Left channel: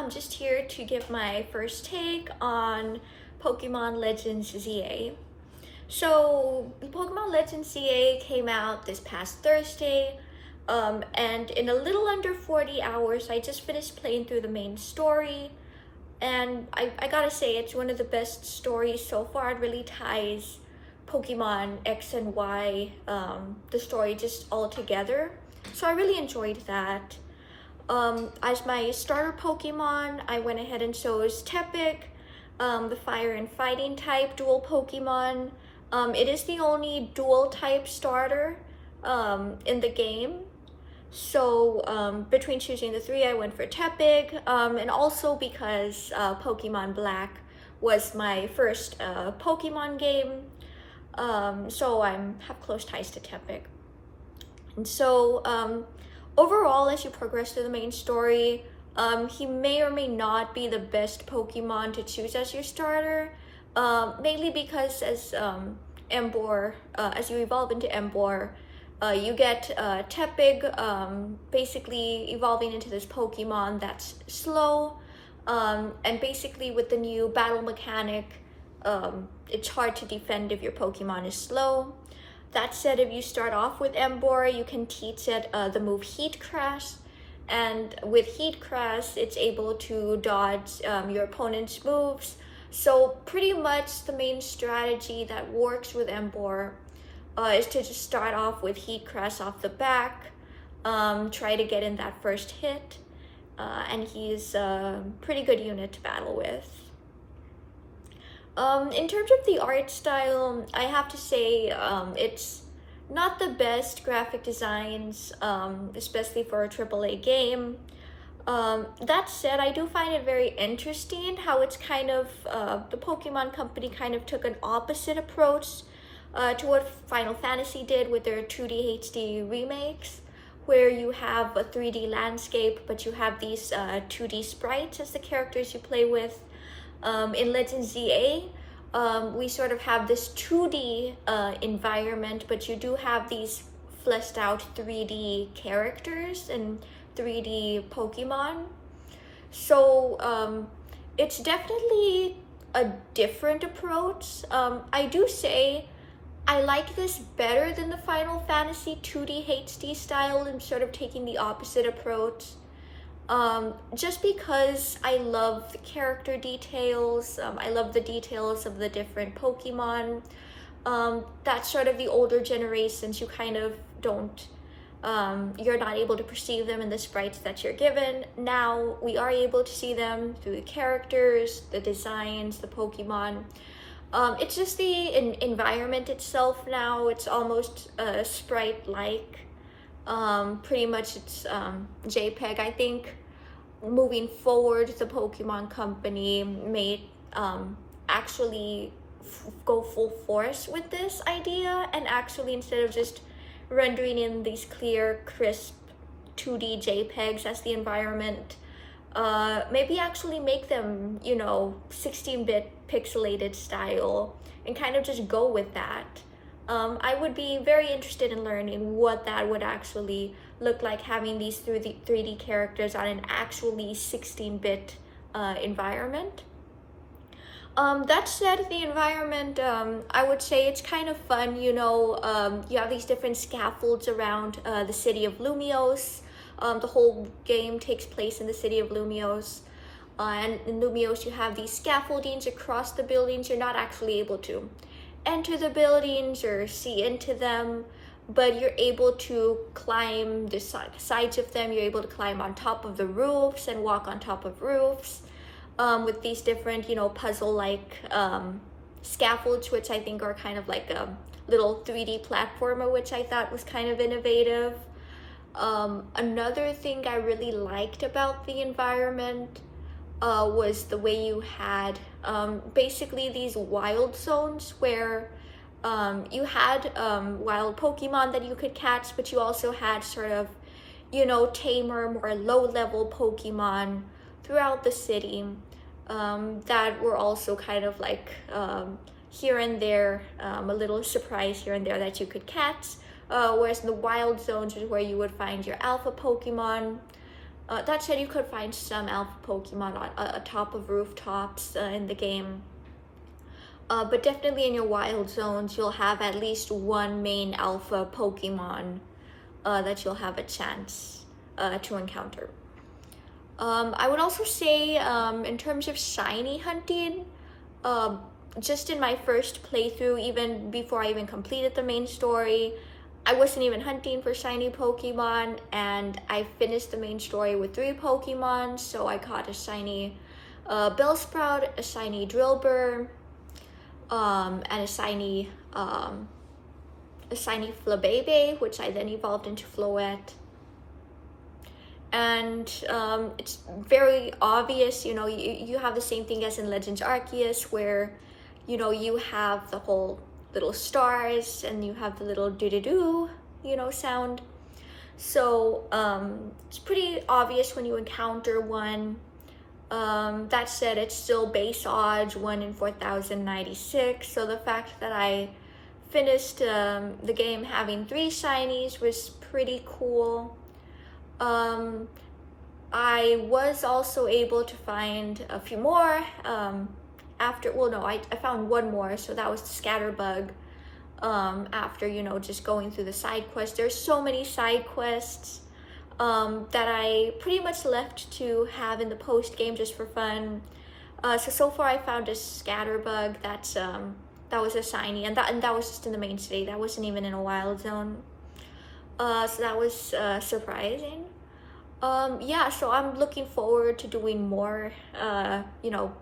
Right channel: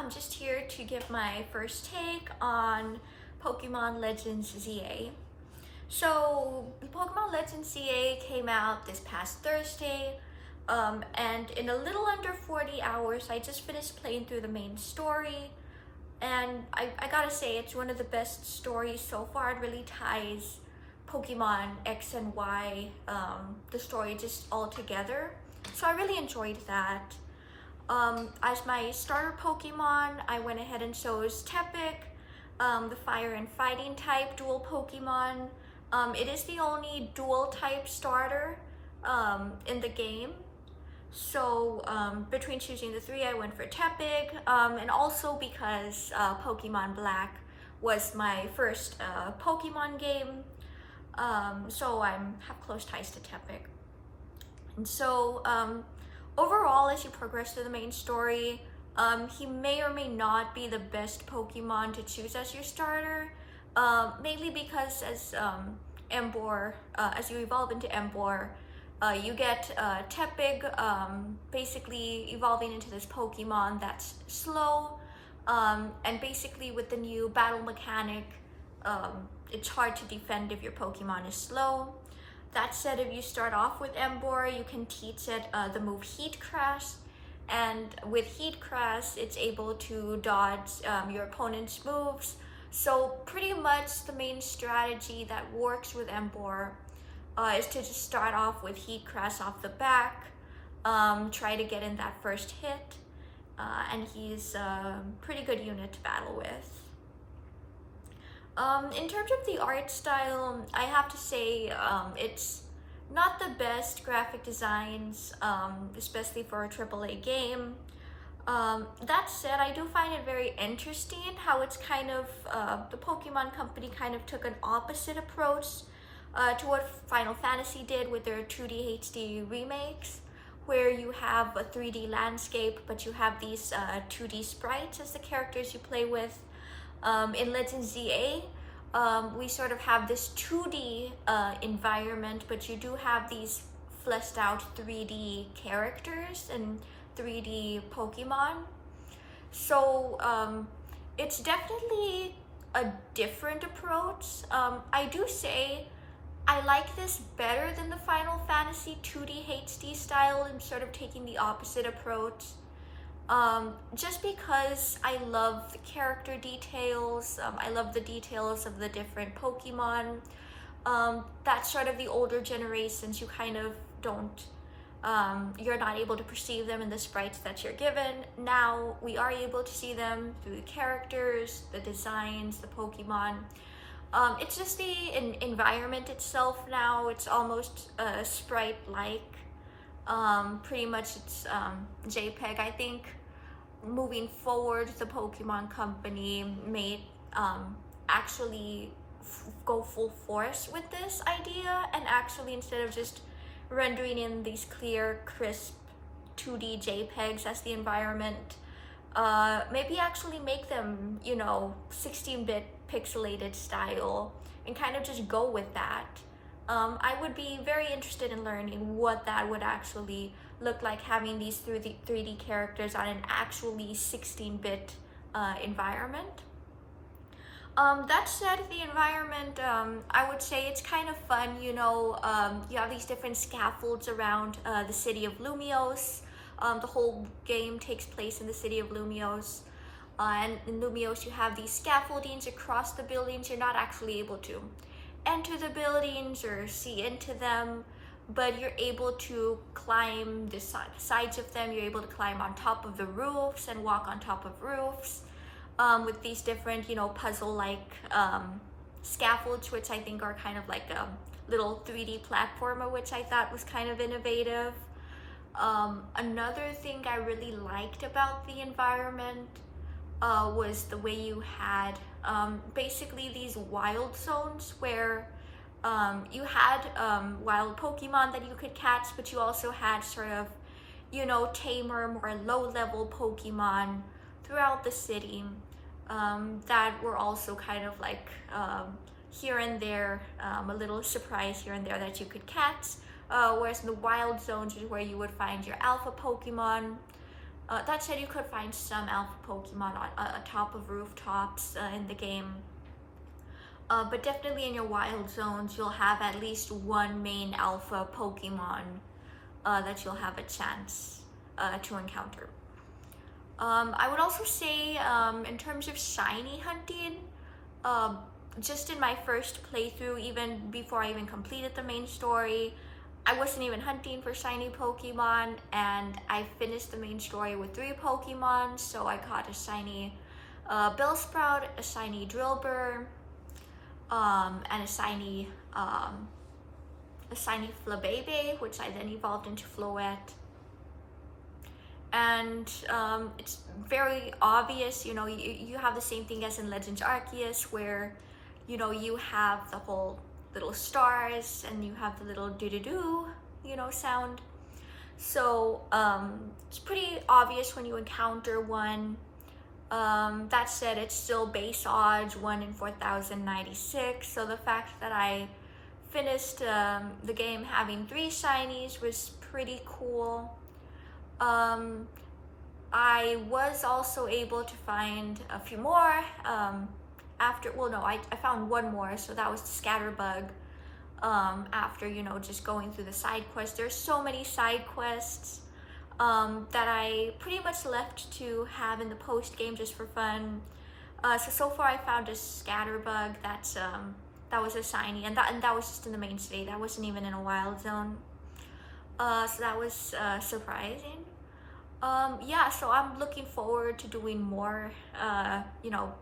I'm just here to give my first take on Pokemon Legends ZA. So, Pokemon Legends ZA came out this past Thursday, and in a little under 40 hours, I just finished playing through the main story. And I gotta say, it's one of the best stories so far. It really ties Pokemon X and Y, the story just all together. So I really enjoyed that. As my starter Pokemon, I went ahead and chose Tepig, the fire and fighting type dual Pokemon. It is the only dual type starter in the game. So between choosing the three, I went for Tepig, and also because Pokemon Black was my first Pokemon game, so I have close ties to Tepig. And so overall, as you progress through the main story, he may or may not be the best Pokemon to choose as your starter, mainly because as Emboar, as you evolve into Emboar, you get Tepig basically evolving into this Pokemon that's slow, and basically with the new battle mechanic, it's hard to defend if your Pokemon is slow. That said, if you start off with Emboar, you can teach it the move Heat Crash, and with Heat Crash, it's able to dodge your opponent's moves. So pretty much the main strategy that works with Emboar is to just start off with Heat Crash off the back, try to get in that first hit, and he's a pretty good unit to battle with. In terms of the art style, I have to say it's not the best graphic designs, especially for a AAA game. That said, I do find it very interesting how it's kind of, the Pokemon Company kind of took an opposite approach to what Final Fantasy did with their 2D HD remakes, where you have a 3D landscape, but you have these 2D sprites as the characters you play with. In Legends ZA, we sort of have this 2D environment, but you do have these fleshed out 3D characters and 3D Pokemon. So it's definitely a different approach. I do say I like this better than the Final Fantasy 2D HD style and sort of taking the opposite approach. Just because I love the character details, I love the details of the different Pokemon. That's sort of the older generations, you kind of don't, you're not able to perceive them in the sprites that you're given. Now we are able to see them through the characters, the designs, the Pokemon. It's just the environment itself now, it's almost sprite-like. Pretty much it's JPEG. I think moving forward, the Pokemon Company may actually go full force with this idea, and actually instead of just rendering in these clear, crisp 2D JPEGs as the environment, maybe actually make them, 16-bit pixelated style and kind of just go with that. I would be very interested in learning what that would actually look like, having these 3D characters on an actually 16-bit environment. That said, the environment, I would say it's kind of fun, you have these different scaffolds around the city of Lumiose. The whole game takes place in the city of Lumiose. And in Lumiose, you have these scaffoldings across the buildings. You're not actually able to enter the buildings or see into them, but you're able to climb the sides of them. You're able to climb on top of the roofs and walk on top of roofs with these different, puzzle-like scaffolds, which I think are kind of like a little 3D platformer, which I thought was kind of innovative. Another thing I really liked about the environment was the way you had basically these wild zones where you had wild Pokemon that you could catch, but you also had sort of, tamer, more low-level Pokemon throughout the city that were also kind of like here and there, a little surprise here and there that you could catch. Whereas in the wild zones is where you would find your alpha Pokemon. That said, you could find some alpha Pokemon on atop of rooftops in the game. But definitely in your wild zones, you'll have at least one main alpha Pokemon that you'll have a chance to encounter. I would also say, in terms of shiny hunting, just in my first playthrough, even before I even completed the main story, I wasn't even hunting for shiny Pokemon, and I finished the main story with 3 Pokemon. So I caught a shiny Bellsprout, a shiny Drillbur, and a shiny Flabebe, which I then evolved into Floette. And it's very obvious, you know, you have the same thing as in Legends Arceus, where, you know, you have the whole little stars and you have the little doo-doo-doo, you know, sound. So it's pretty obvious when you encounter one. That said, it's still base odds 1 in 4,096. So the fact that I finished the game having 3 shinies was pretty cool. I was also able to find a few more after, well, no, I found one more, so that was the Scatterbug. After, you know, just going through the side quests. There's so many side quests that I pretty much left to have in the post game just for fun. So far I found a Scatterbug that was a shiny, and that was just in the main city. That wasn't even in a wild zone. So that was surprising. Yeah, so I'm looking forward to doing more, you know,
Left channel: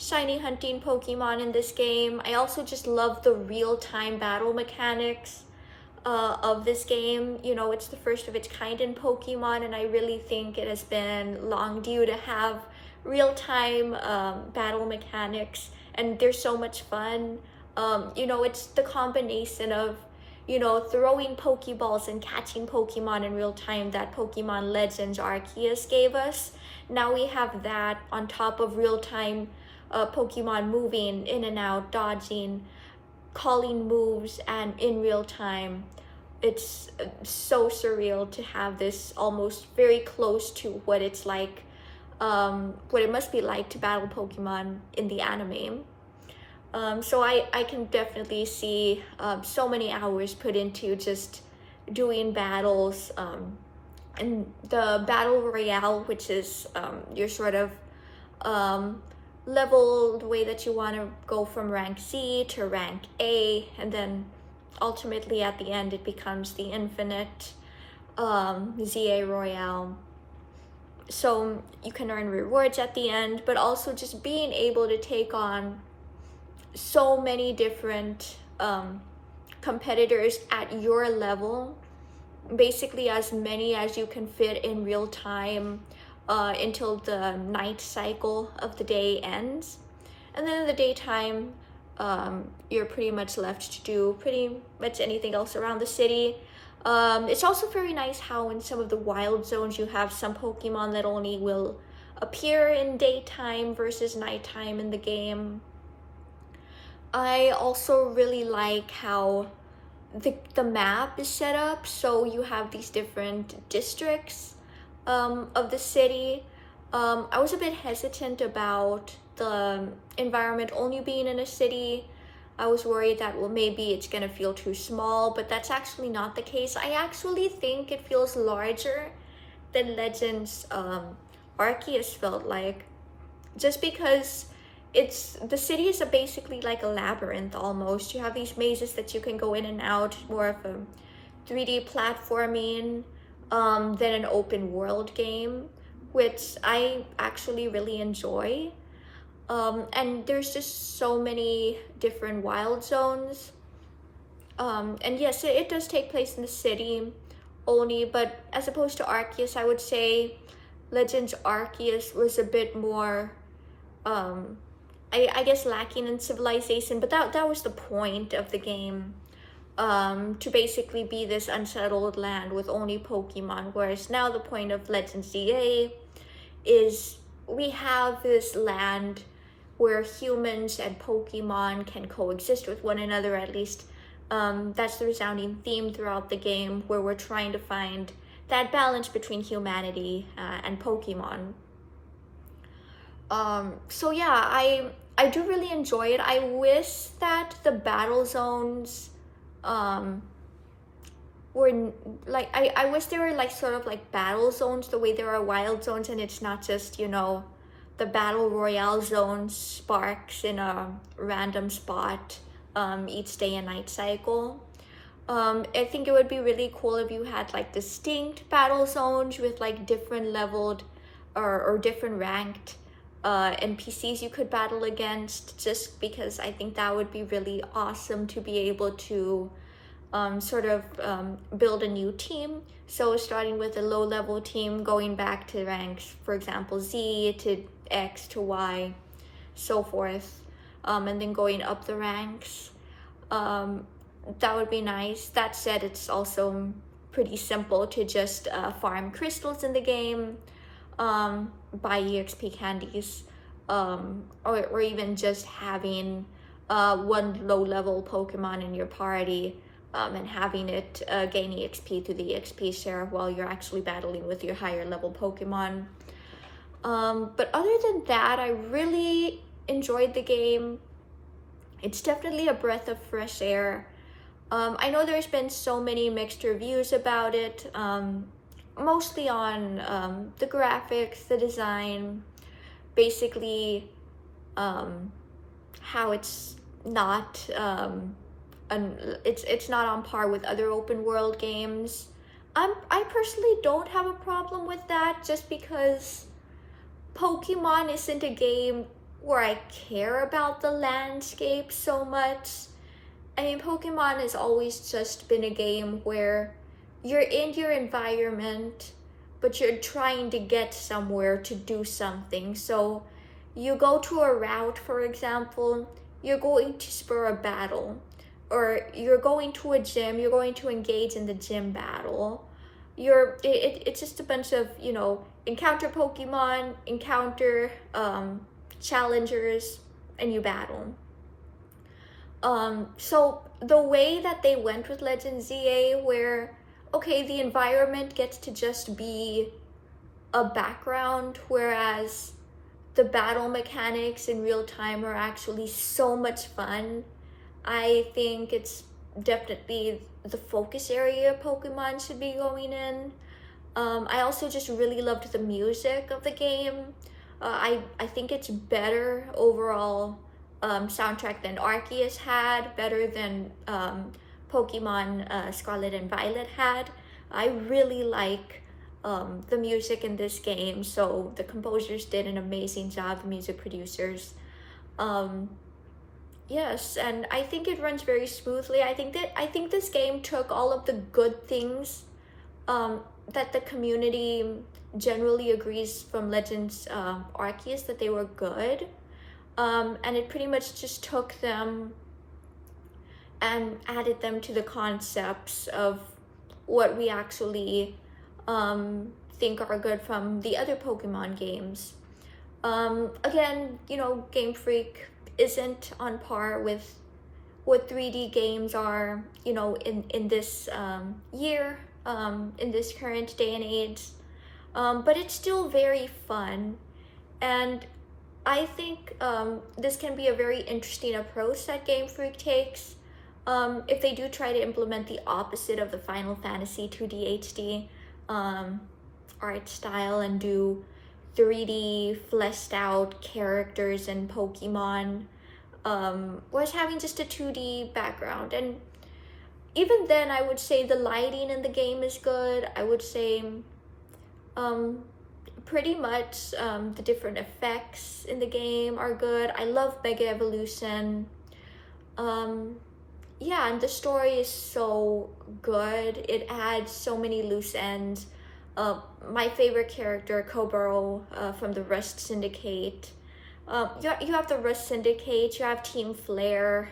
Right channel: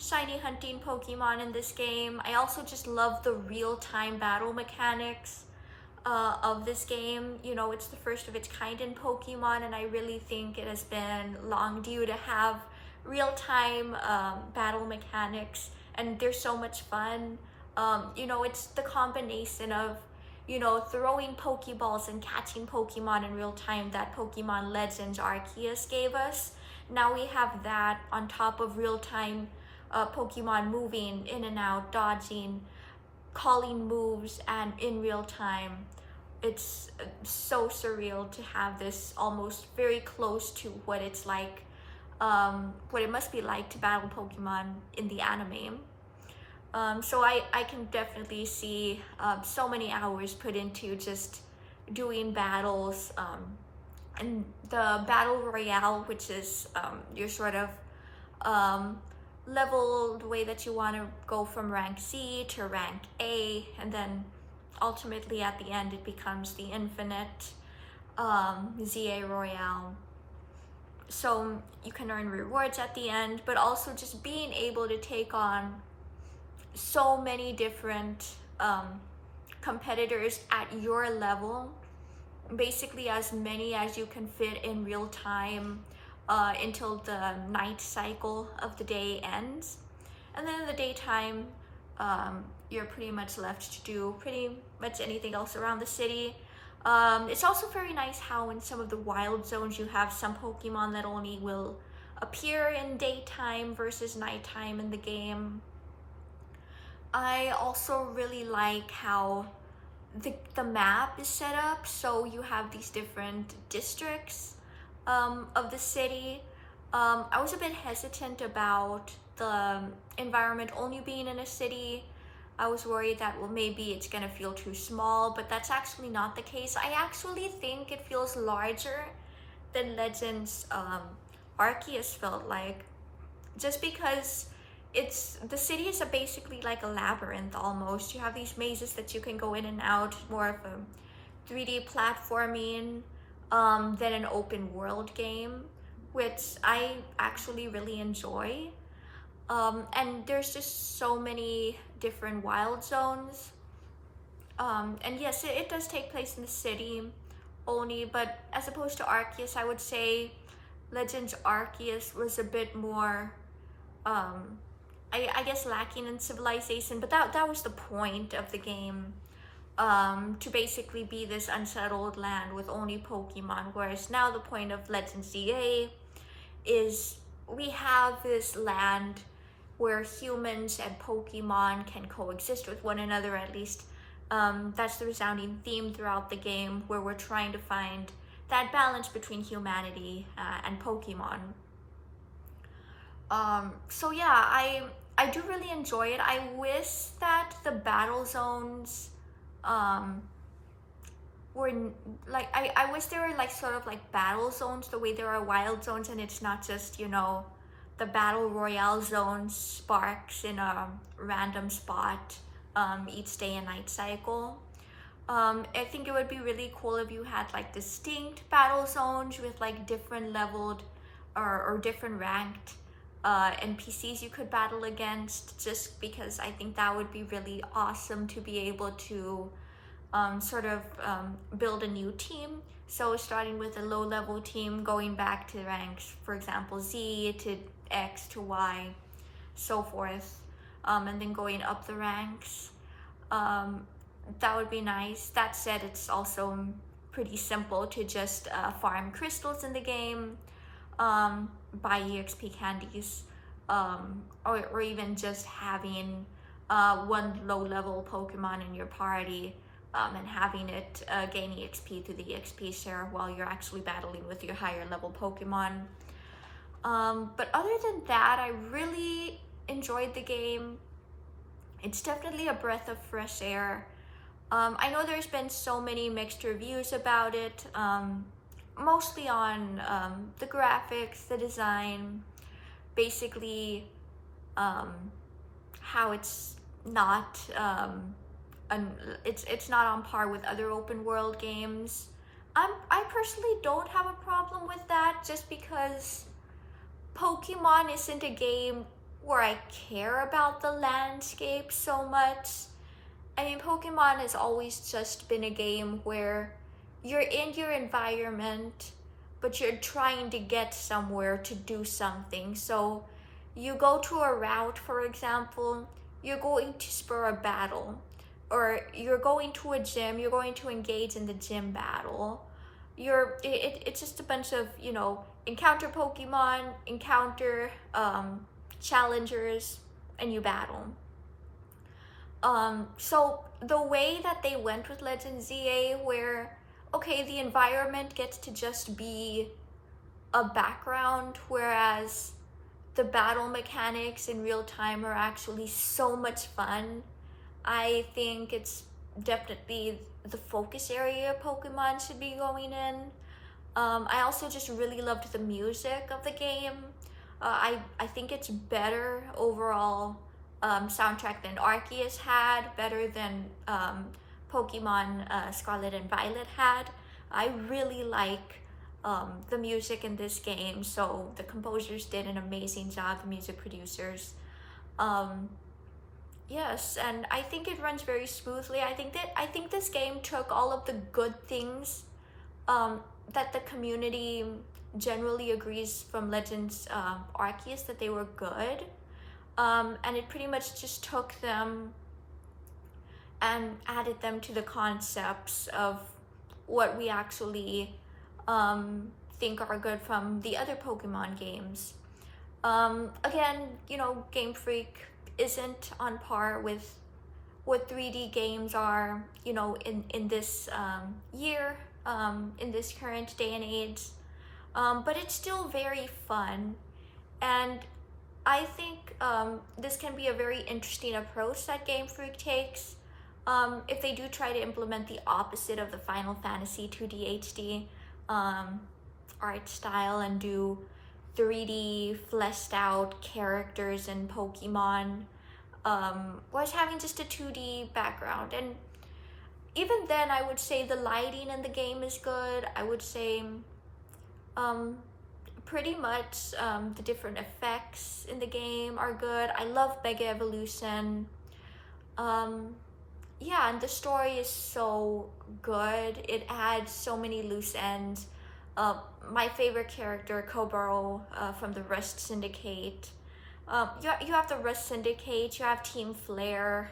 shiny hunting Pokemon in this game. I also just love the real-time battle mechanics of this game. You know, it's the first of its kind in Pokemon, and I really think it has been long due to have real-time battle mechanics, and they're so much fun. You know, it's the combination of, you know, throwing Pokeballs and catching Pokemon in real time that Pokemon Legends Arceus gave us. Now we have that on top of real-time Pokemon moving in and out, dodging, calling moves, and in real time. It's so surreal to have this almost very close to what it's like, what it must be like to battle Pokemon in the anime. So I can definitely see so many hours put into just doing battles, and the Battle Royale, which is your sort of level, the way that you want to go from rank C to rank A, and then ultimately at the end it becomes the infinite ZA Royale. So you can earn rewards at the end, but also just being able to take on so many different competitors at your level, basically as many as you can fit in real time until the night cycle of the day ends. And then in the daytime, you're pretty much left to do pretty much anything else around the city. It's also very nice how in some of the wild zones you have some Pokemon that only will appear in daytime versus nighttime in the game. I also really like how the map is set up, so you have these different districts of the city. I was a bit hesitant about the environment only being in a city. I was worried that, well, maybe it's gonna feel too small, but that's actually not the case. I actually think it feels larger than Legends Arceus felt like, just because the city is basically like a labyrinth almost. You have these mazes that you can go in and out, more of a 3D platforming than an open world game, which I actually really enjoy. And there's just so many different wild zones. And yes, it does take place in the city only, but as opposed to Arceus, I would say Legends Arceus was a bit more I guess lacking in civilization, but that was the point of the game, to basically be this unsettled land with only Pokemon, whereas now the point of Legends ZA is we have this land where humans and Pokemon can coexist with one another, at least that's the resounding theme throughout the game, where we're trying to find that balance between humanity and Pokemon. So yeah, I do really enjoy it. I wish that the battle zones um, were like I wish there were like sort of like battle zones the way there are wild zones, and it's not just, you know, the battle royale zone sparks in a random spot each day and night cycle. I think it would be really cool if you had like distinct battle zones with like different leveled or different ranked NPCs you could battle against, just because I think that would be really awesome to be able to sort of build a new team. So starting with a low level team, going back to ranks, for example, Z to X to Y, so forth, and then going up the ranks. That would be nice. That said, it's also pretty simple to just farm crystals in the game, buy EXP candies, or even just having one low level Pokemon in your party and having it gain EXP through the EXP share while you're actually battling with your higher level Pokemon. But other than that, I really enjoyed the game. It's definitely a breath of fresh air. I know there's been so many mixed reviews about it, mostly on the graphics, the design, basically how it's not it's not on par with other open world games. I personally don't have a problem with that, just because Pokemon isn't a game where I care about the landscape so much. I mean, Pokemon has always just been a game where you're in your environment, but you're trying to get somewhere to do something. So you go to a route, for example, you're going to spur a battle, or you're going to a gym, you're going to engage in the gym battle. It's just a bunch of, you know, encounter Pokemon, encounter challengers, and you battle. So the way that they went with Legend ZA, where okay, the environment gets to just be a background, whereas the battle mechanics in real time are actually so much fun. I think it's definitely the focus area Pokemon should be going in. I also just really loved the music of the game. I think it's better overall soundtrack than Arceus had, better than Pokemon Scarlet and Violet had. I really like the music in this game, so the composers did an amazing job, the music producers. Yes, and I think it runs very smoothly. I think this game took all of the good things that the community generally agrees from Legends Arceus that they were good, and it pretty much just took them and added them to the concepts of what we actually think are good from the other Pokemon games. Again, you know, Game Freak isn't on par with what 3D games are, you know, in this year, in this current day and age, but it's still very fun, and I think this can be a very interesting approach that Game Freak takes. If they do try to implement the opposite of the Final Fantasy 2D HD art style and do 3D fleshed out characters and Pokemon, whereas having just a 2D background. And even then, I would say the lighting in the game is good. I would say pretty much the different effects in the game are good. I love Mega Evolution. Yeah, and the story is so good. It adds so many loose ends. My favorite character, Koboro, from the Rust Syndicate. You have the Rust Syndicate, you have Team Flare,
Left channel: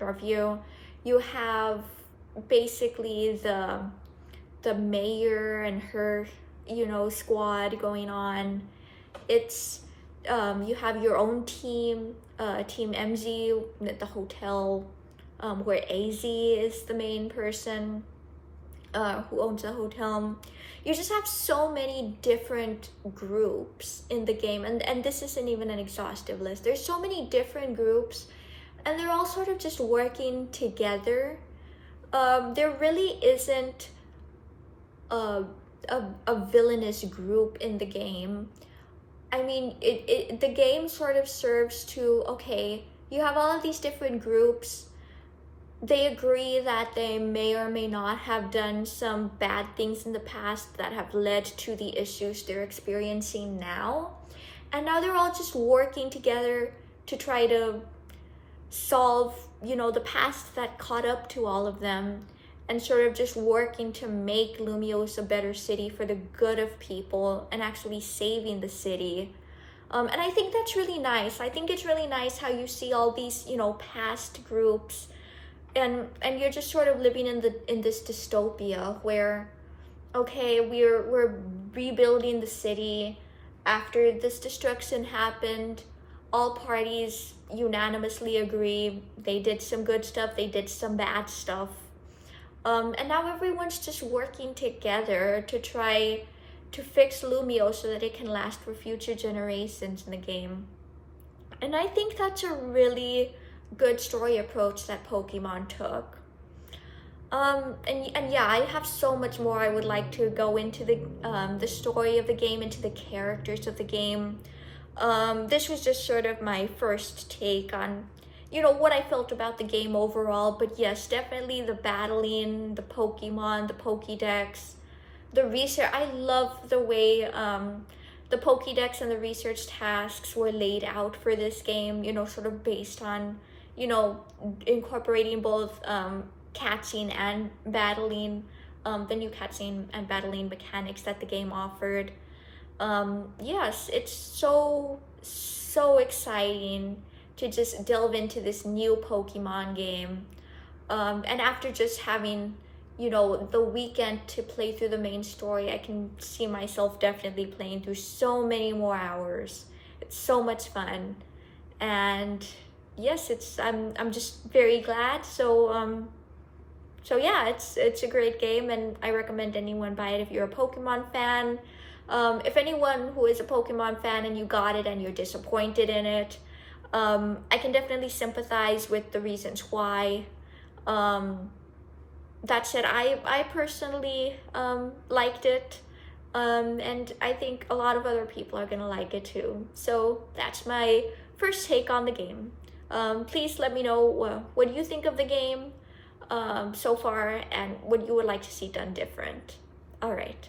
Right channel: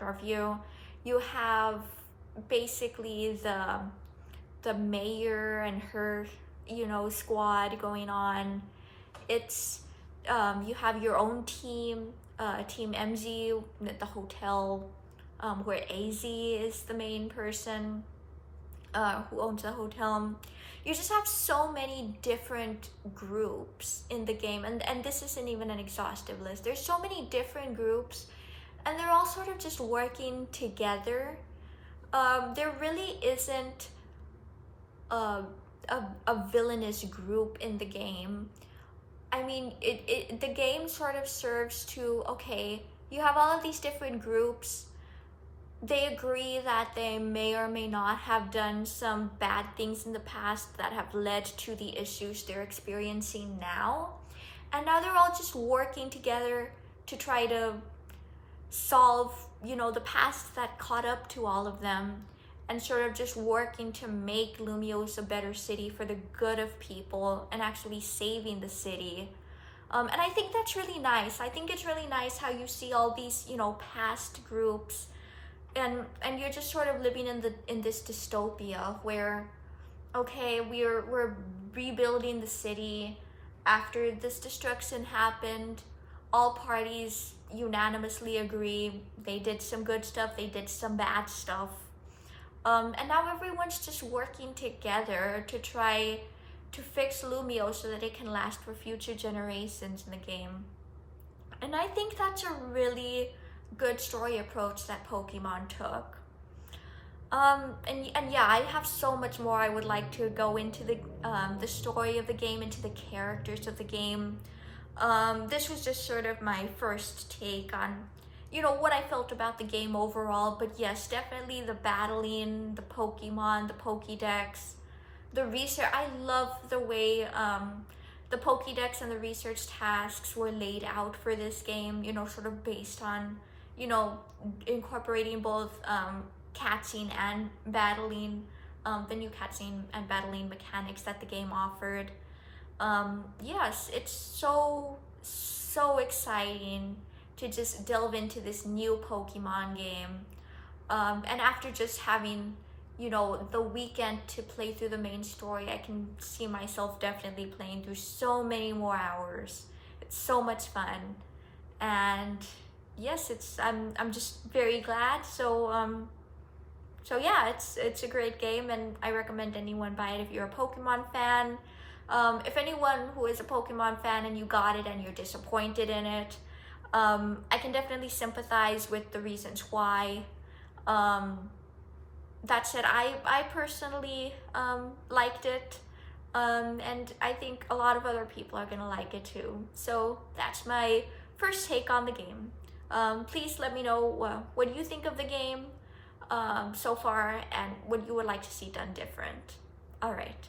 Norview. You have basically the mayor and her, you know, squad going on. It's you have your own team, Team MZ at the hotel, where AZ is the main person who owns the hotel. you just have so many different groups in the game, and this isn't even an exhaustive list. There's so many different groups, and they're all sort of just working together. There really isn't a, a villainous group in the game. I mean, the game sort of serves to, okay, you have all of these different groups. They agree that they may or may not have done some bad things in the past that have led to the issues they're experiencing now. And now they're all just working together to try to solve, you know, the past that caught up to all of them, and sort of just working to make Lumiose a better city for the good of people and actually saving the city. And I think that's really nice. I think it's really nice how you see all these, you know, past groups, and you're just sort of living in this dystopia where, okay, we're rebuilding the city after this destruction happened. All parties unanimously agree they did some good stuff, they did some bad stuff. And now everyone's just working together to try to fix Lumio so that it can last for future generations in the game. And I think that's a really good story approach that Pokemon took. And yeah, I have so much more I would like to go into the story of the game, into the characters of the game. This was just sort of my first take on, you know, what I felt about the game overall. But yes, definitely the battling, the Pokemon, the Pokédex, the research. I love the way the Pokédex and the research tasks were laid out for this game, you know, sort of based on, you know, incorporating both catching and battling, the new catching and battling mechanics that the game offered. Yes, it's so exciting to just delve into this new Pokemon game. And after just having, you know, the weekend to play through the main story, I can see myself definitely playing through so many more hours. It's so much fun. And yes, I'm just very glad. So yeah, it's a great game, and I recommend anyone buy it if you're a Pokemon fan. If anyone who is a Pokemon fan and you got it and you're disappointed in it, I can definitely sympathize with the reasons why. That said, I personally liked it, and I think a lot of other people are gonna like it too. So that's my first take on the game. Please let me know what you think of the game so far, and what you would like to see done different. All right.